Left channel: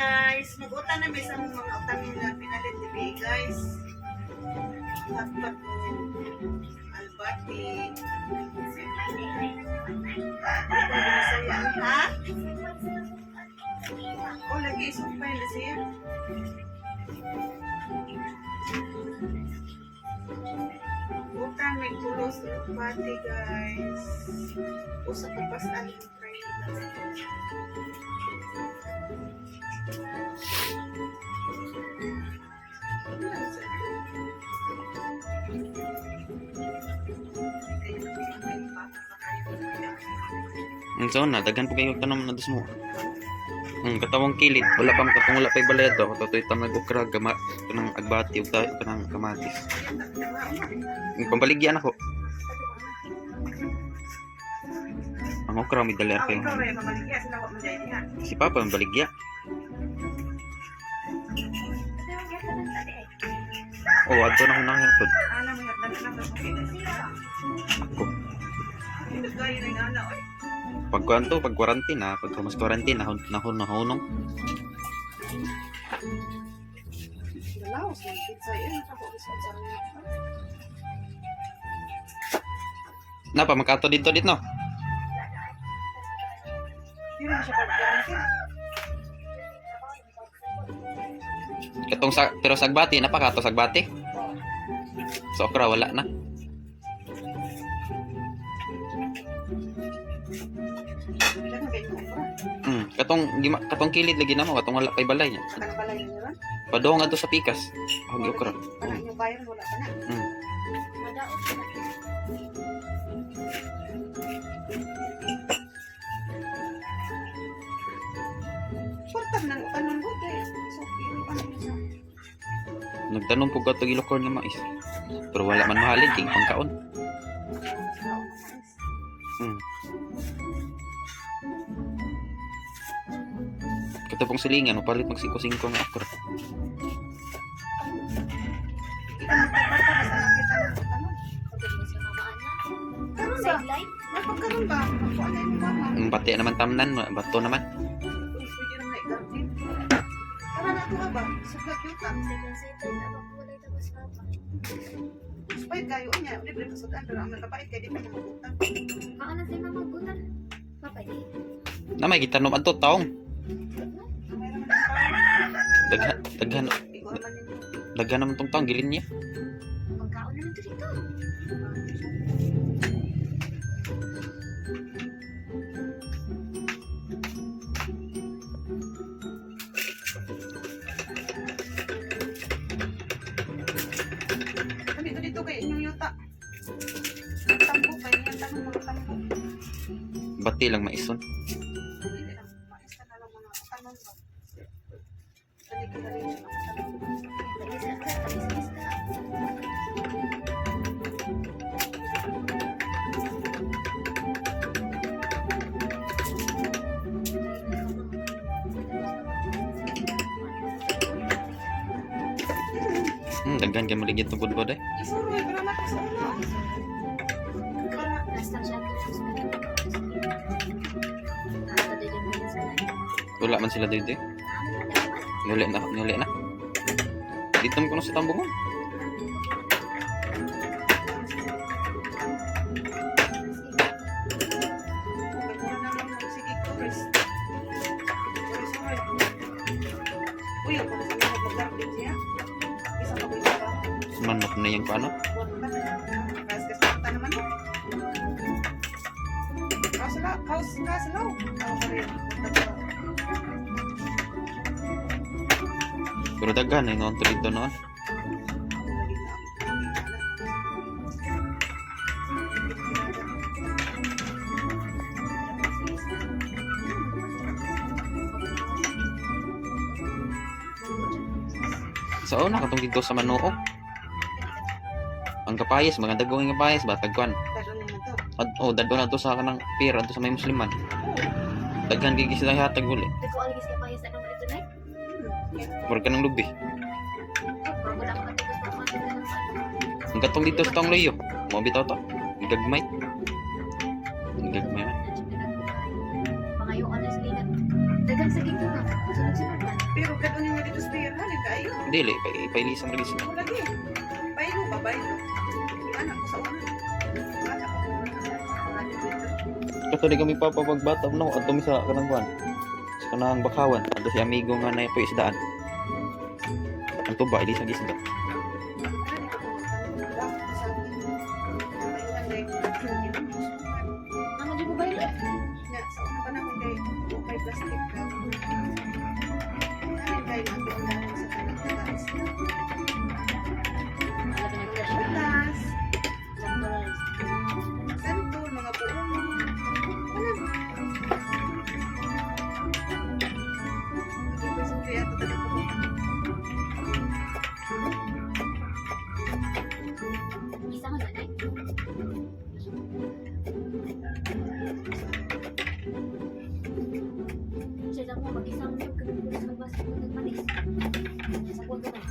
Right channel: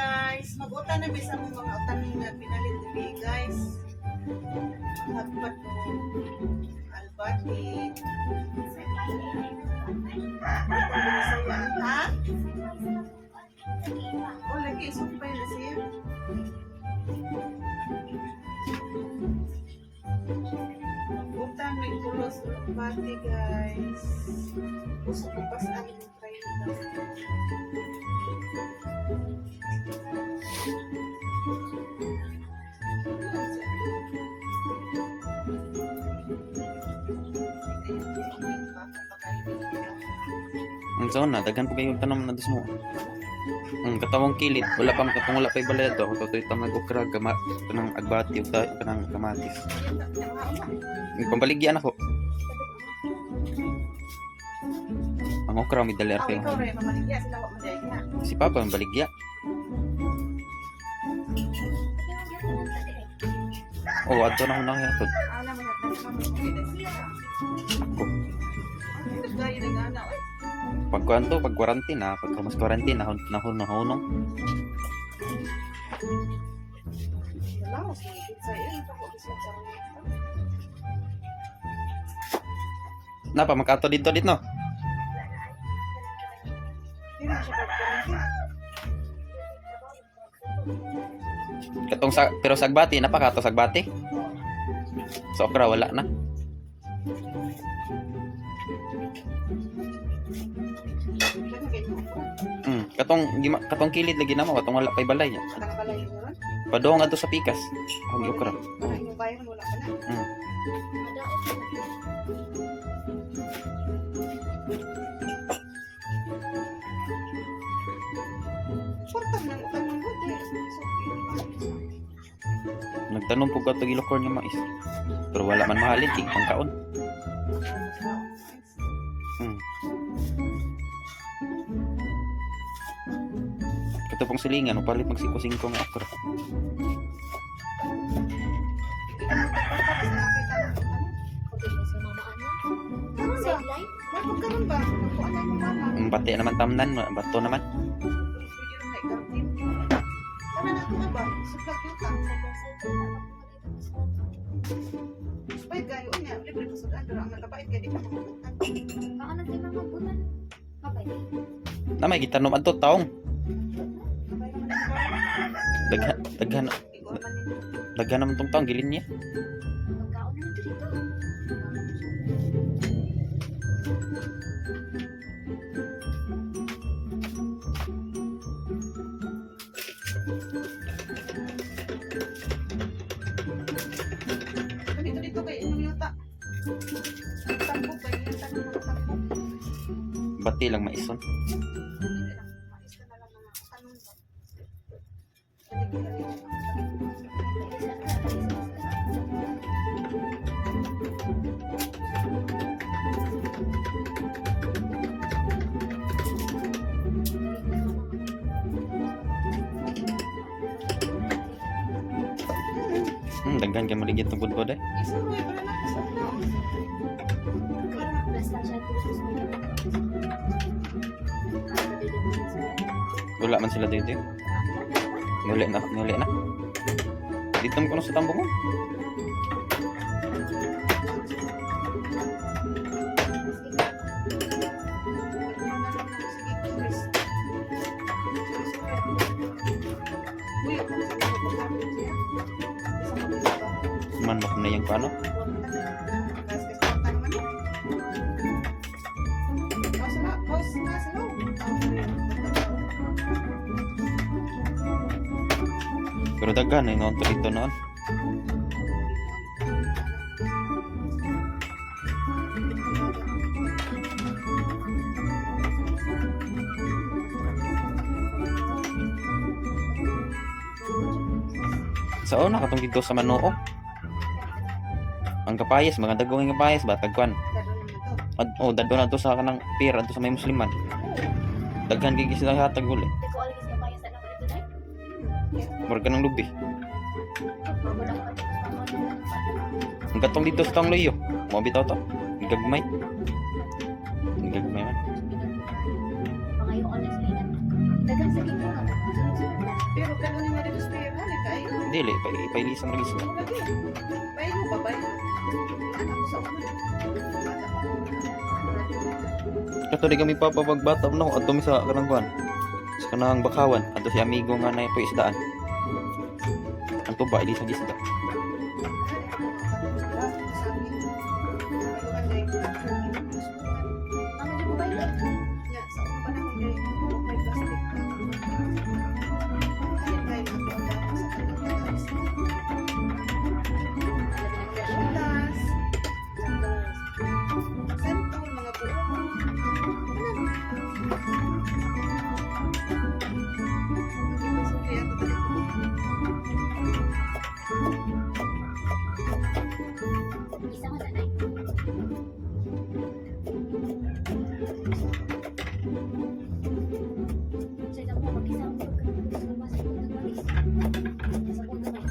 guys. Mag-utan na bisa mo mga utan na pinalit dili guys. Hotpot mo. Albati. Saya, ha? Oh, lagi isip pa yun siya. Utan may kulos albati guys. Usa ko pas aling try guys. Ang sauna, daghan po kayo tanong na mo. Ang katawang kilid, wala pang katong wala pa'y balay ito. Totoo itang nag-ukra, kanang agbati, kanang kamatis. Ang pambaligyan ako. Ang okra, may dalir kayo. Si Papa, ang baligya. Oh, adto na ako nakakatod. Ako. Pag kuanto, pag quarantine na, pag mas quarantine nahunong. Napa makato dito no? Katong sa pero sagbati napakato sagbati. Sa okra wala na. Katong kilid lagi na mo, katong wala kay balay niya. Padong adto sa pikas. Ang okra. Nagtanong po ka ito ilokor nga mais. Pero wala man mahalin, king pangkaon. Ito pong silingan, upalit magsiko-singko nga okra. Bati naman tamnan, bato naman. Na may gitanong adto taong. Daghan naman tong taong gilin niya. Dito kay inyong yuta. Tambo pa yan, tambo. Bati lang maison. Daghan ka maligid ng budbod eh. Wala man sila dito. Nuli na. Dito mo kuno sa tambungon. Manok na yung paano? Pero daghan na yung dito noon. Sa una katong dito sa Manoo. Ang kapayas, mga dagong yung kapayas ba? Tagkuan. Dadon na to sa kanang pier, ato sa may musliman. Daghan gigi sila hatag uli. Murag ka ng lubi. Ang katong dito sa tong loyo. Mo bitaw to. Gagmay. Gagmay man. Dili, ipailisan lagi sila. Ako lagi. Bayo ba, bayo? Anak ko sa una. Bata pa ko. Kato di kami papagbata no adto mi sa kanang kuan. Sa kanang bakawan, adto si amigo nga na po isdaan. Ang tuba ilisan isda. Ano di mo ba yun? Isa nga na Sa isang mo, mag-isang mo ka sa bus mo nagmanis. Sa kong naman.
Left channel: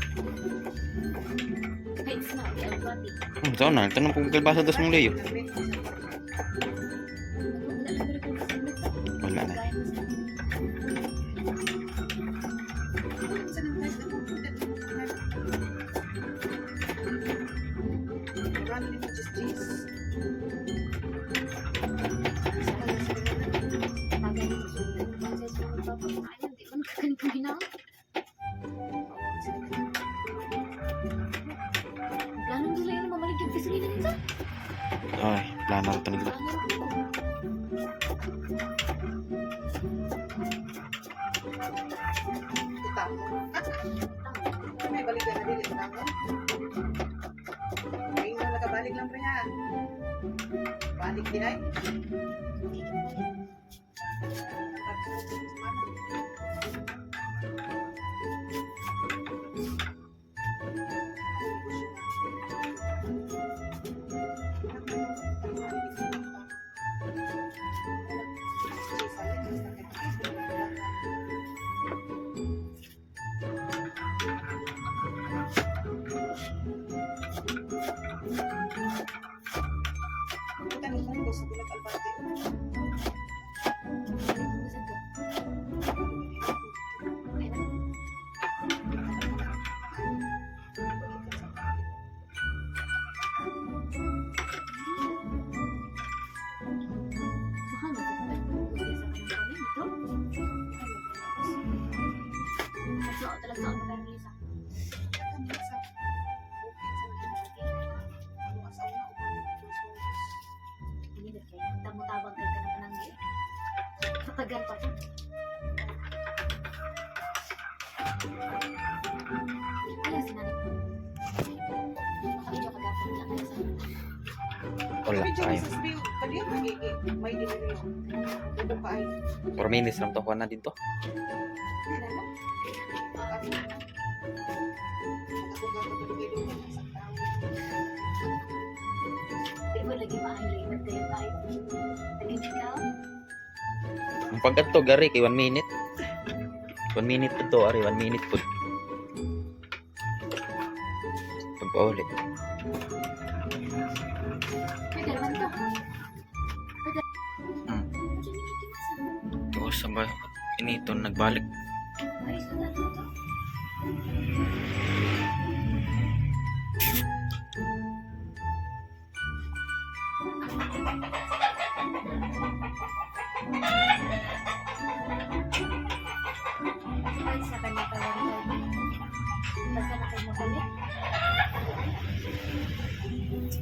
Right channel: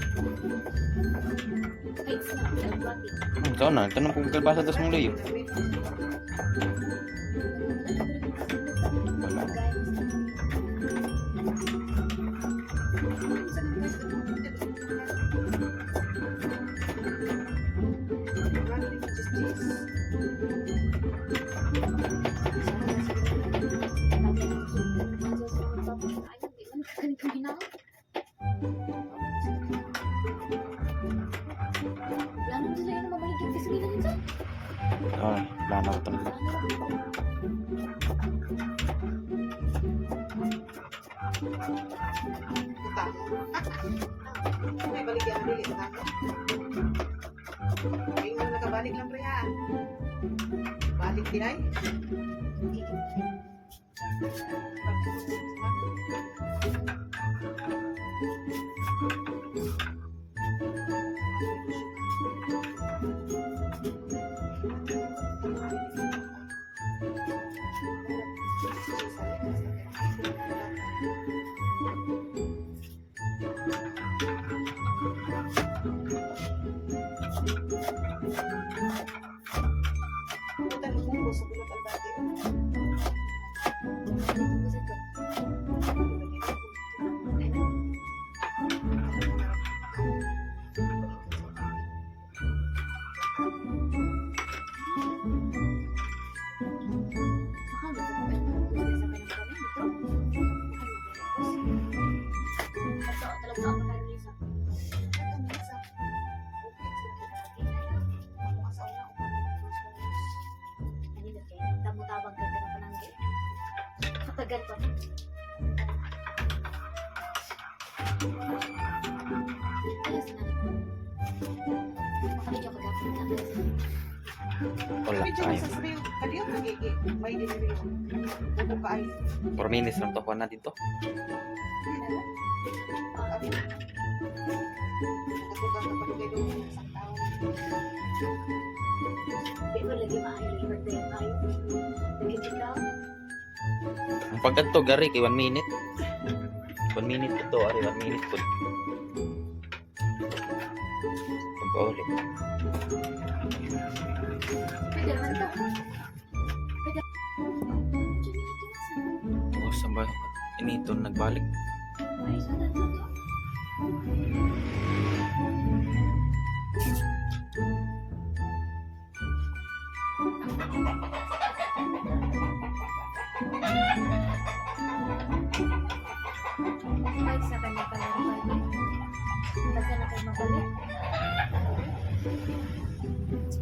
Ay, snap, ang bati. Saan na, tanong kung kalbasa dos mong leyo. Wala na. Sabi niya, susunod man siya sa mga papakain. Di man ganito ginawa. Plano nila yun na mamalik yung gasolina nito. Ay, plano ko to nila. Plano rin. May balik yan, balik ito tango. Ay, mo nakabalik lang pre ha. Balik din ay. Mahal ba ito? Pwede sa kanyang pamilya. Kasi ako talaga sa mga kanisa. Ano ba kayo? Tamu-tabang ka na pananggi. Katagal pa. Alas na rin. Makabidyo ka dapat na alas na. Wala, ay. May diniriyo. Buko ka ay. 4 minutes lang to kuha na dito. Di ba lagi maayo? Iba tayo. Lagi ikaw? Ang pagkadto gari kay 1 minute. 1 minute ito, ari 1 minute po. Pag-ulit. Pwede naman to. Tapos sa ba, inito nagbalik. Ay, sana to. Balik sa kanya pala rin tayo. Taga na kayo mabalik.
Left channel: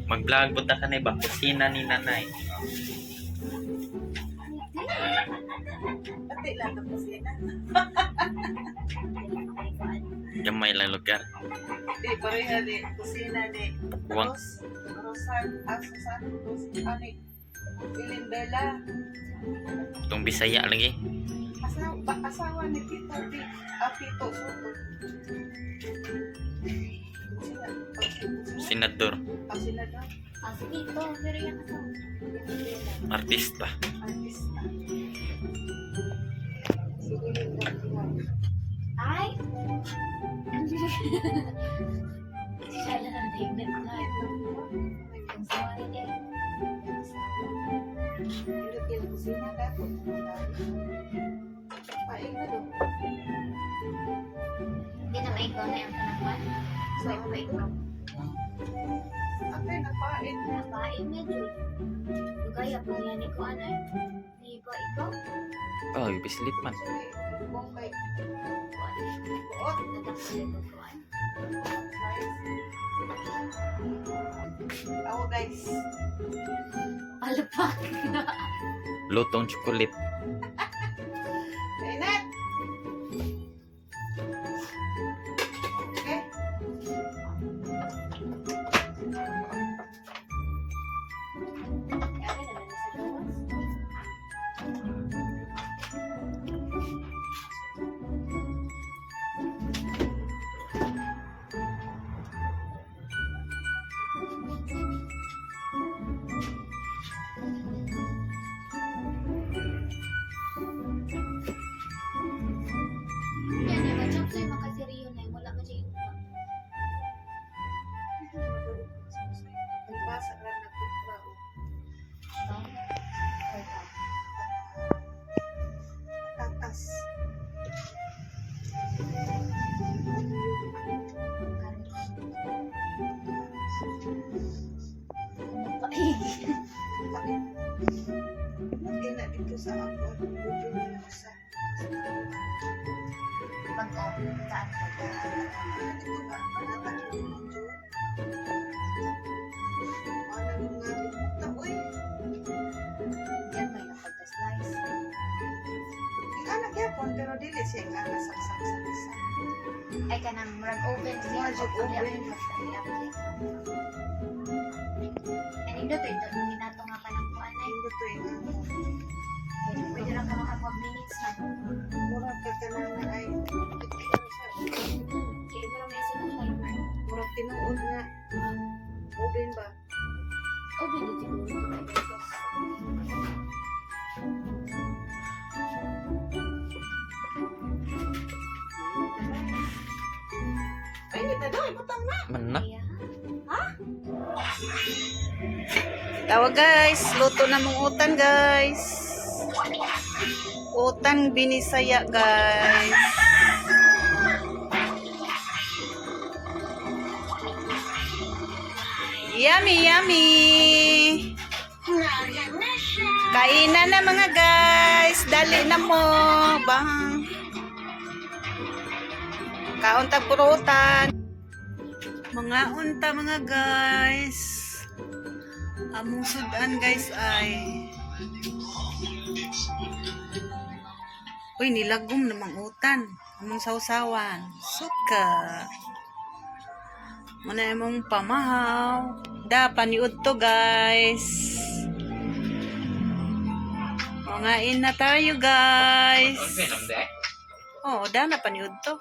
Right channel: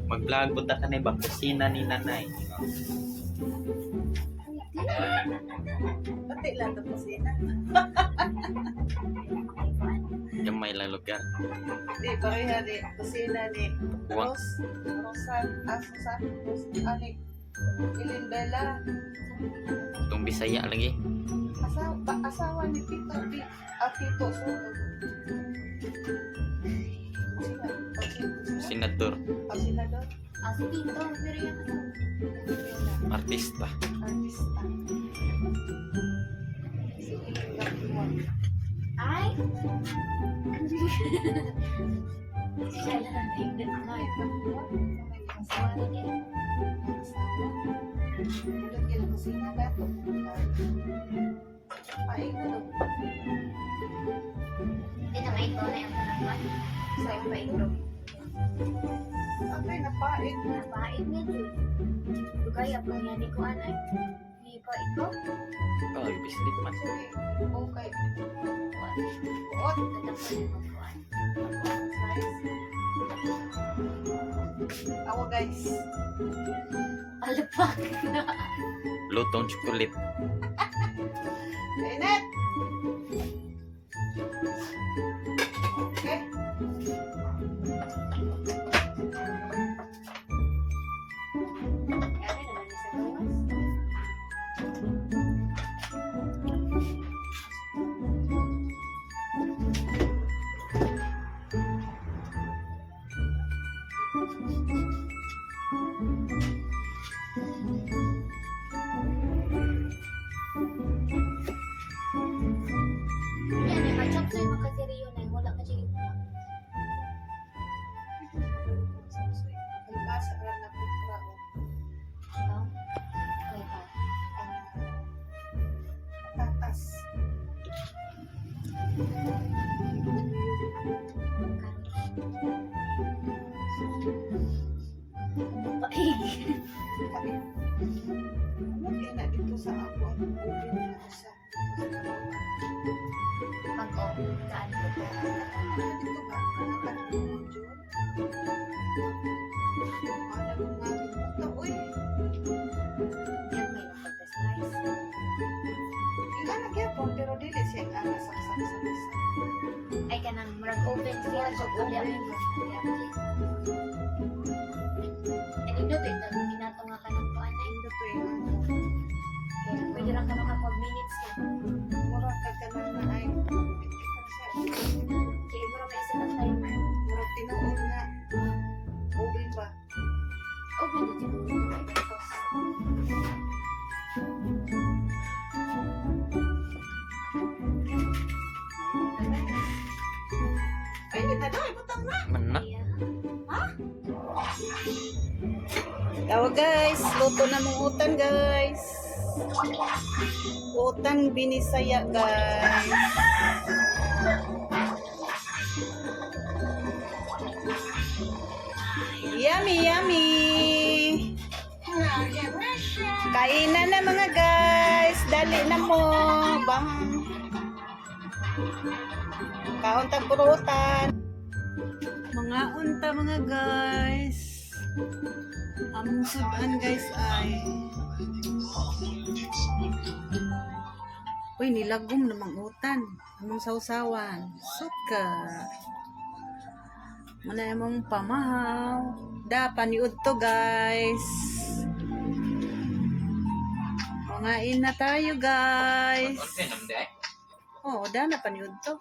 Mag-vlog punta ka na ba? Kusina ni nanay. Pati lang tapos yan. Gamay lang lugar. Di, pareha di. Kusina ni. Kuwang. Rosan. Susan. Ani. Ilindela. Itong Bisaya lagi. Asawa ni Tito. Tito Soto. Senador. Senador. Ah, si Tito. Pero yung kasama. Artista. Artista. Si Iling Gapuan. Ay! Siya lang ang tingnan na ito. Ang sawa na niya. Hindi yung kusina dato. Paing na doon. Hindi na may ikaw na yung tanagman. So, yung ba ikaw? Apay, napait. Napain nga, Jud. Kaya pa yan ko, anay. Di ba ikaw? Oh, ibislip man. Actually, okay. Buot. Tatak ko yung pagkuhan. Ako guys. Palapak. Lutong chocolate. Init! Okay. Kaya rin naman sa gawas. Yan eh, mag-chop sa'yo makasiriyo na eh. Wala ka siya yung Nagbasa ka na po. tao. Ay, tao. Tatas. Paig. Lagi na dito sa ako. Ubi na sa Pag-o, saan ko po? dito ba? Panatan ko ng June. Ano nga dito? Uy! Yan may napagka-slice. Ika na gyapon pero dili siya nga nasaksak sa isa. Ay, kanang murag oven siya. Murag So, oven. And ito, ito, ginato nga pa ng kuan ay. Ito yung ano. Pwede lang ka makapag minutes na. Mura ka ka na ay. Kaya ito may isa ng timer. Mura tinuod nga. Oven ba? Oven, ito yung gusto ko ito. Ay, hindi daw. Ibutang na. Mana? Kaya, Tawa guys, luto na mong utan guys. Utan binisaya guys. Yummy, yummy. Kainan na mga guys. Dali na mo. Bang. Kauntag purutan. Mga unta mga guys. Among sudan guys ay. Uy, nilagom namang utan. Among sausawan. Suka. Muna among pamahaw. Da, paniud to guys. Mangain na tayo guys. Oh, da na paniud to.